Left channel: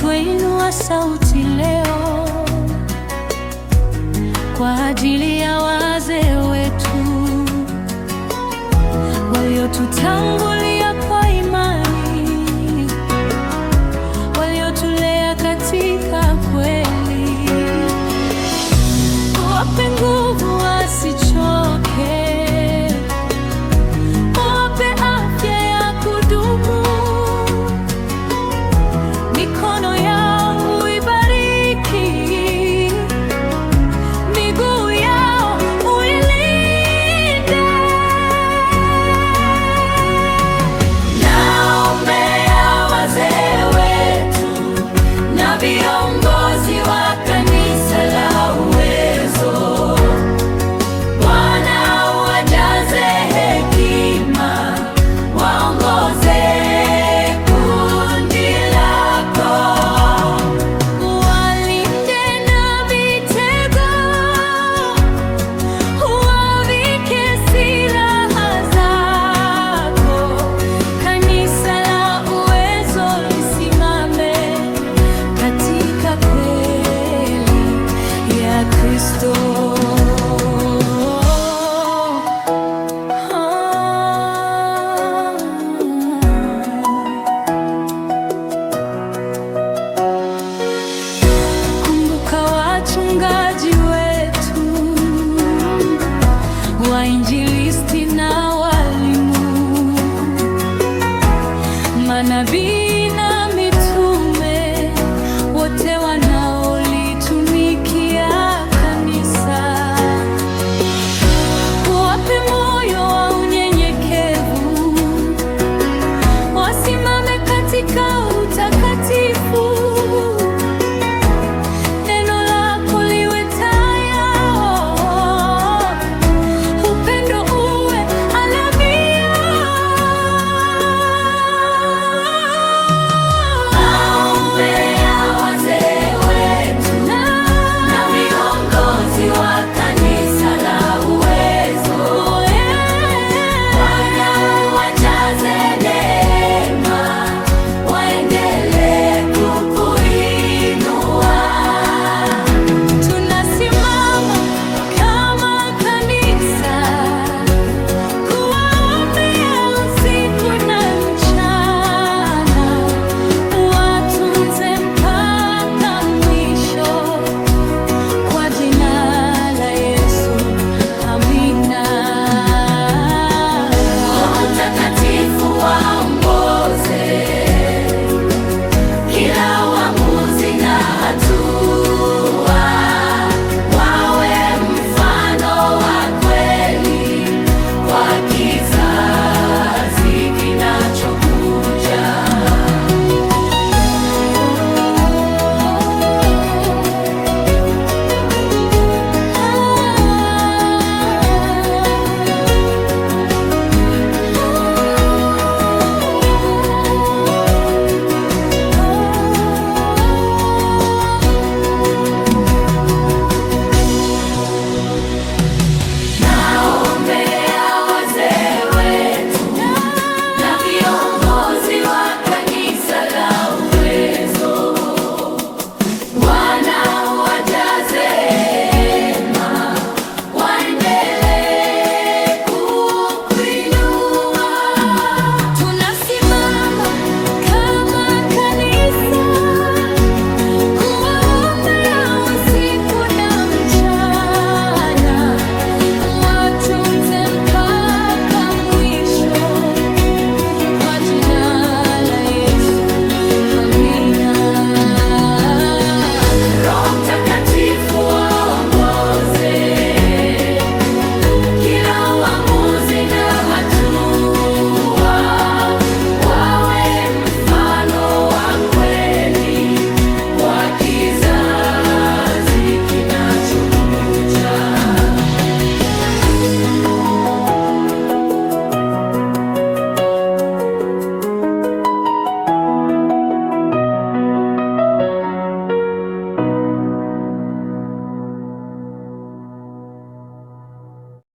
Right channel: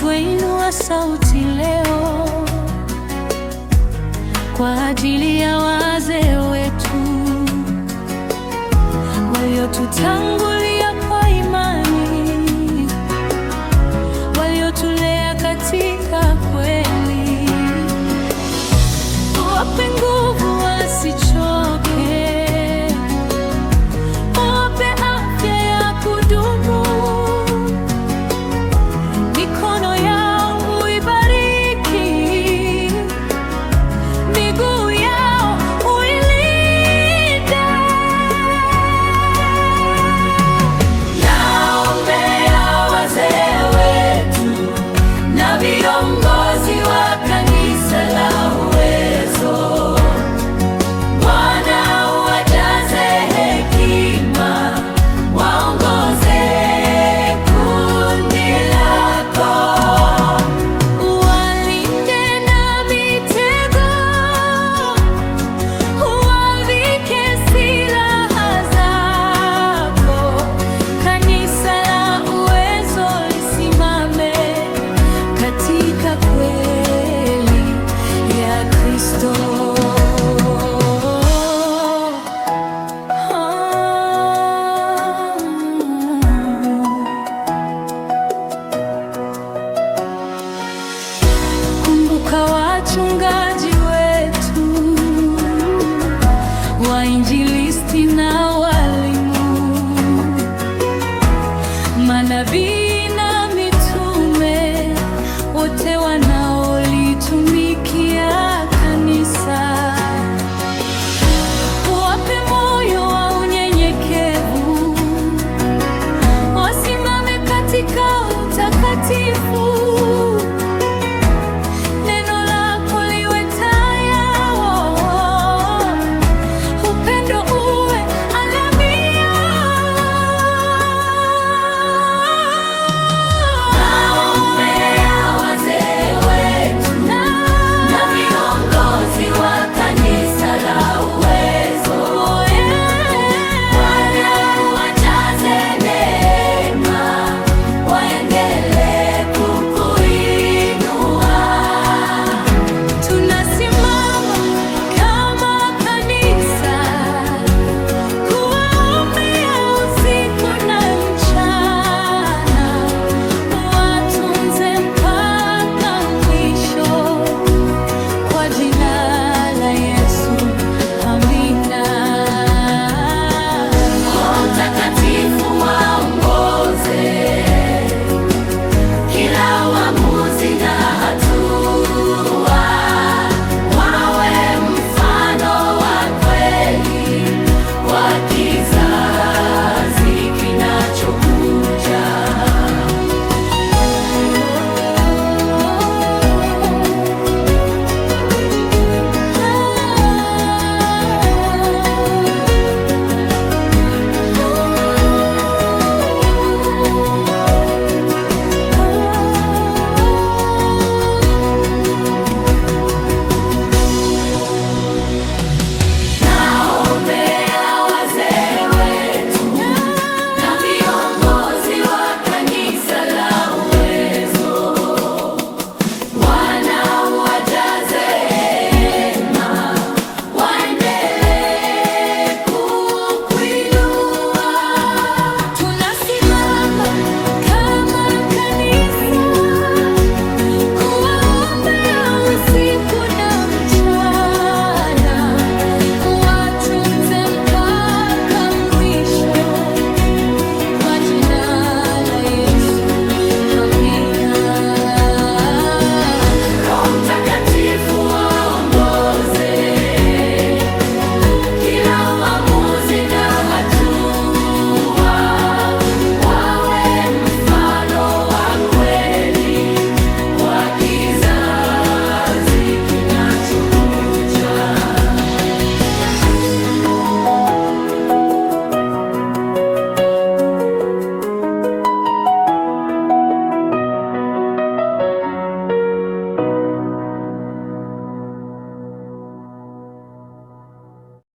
twainua sauti leo kwa ajili ya wazee wetu waliotutangulia kwa imani, waliotulea katika kweli. Wape nguvu wasichoke, wape afya ya kudumu, mikono yao uibariki, miguu yao uilinde. Naombea wazee wetu na viongozi wa kanisa la Uwezo. Bwana uwajaze hekima, waongoze kundi lako, uwalinde na mitego, uwavike silaha zako. Kanisa la Uwezo lisimame katika kweli ya Kristo. Kumbuka wachungaji wetu, wainjilisti na walimu, manabii na mitume, wote wanaolitumikia kanisa. Wape moyo wa unyenyekevu, wasimame katika utakatifu. Neno lako liwe taa yao, upendo uwe alama yao. Naombea wazee wetu na viongozi wa kanisa la Uwezo. Bwana uwajaze neema, waendelee kukuinua. Tunasimama kama kanisa kuwaombea usiku na mchana, watunze mpaka mwisho, kwa jina la Yesu, amina. Roho Mtakatifu waongoze kila uamuzi na hatua, wawe mfano wa kweli kwa kizazi.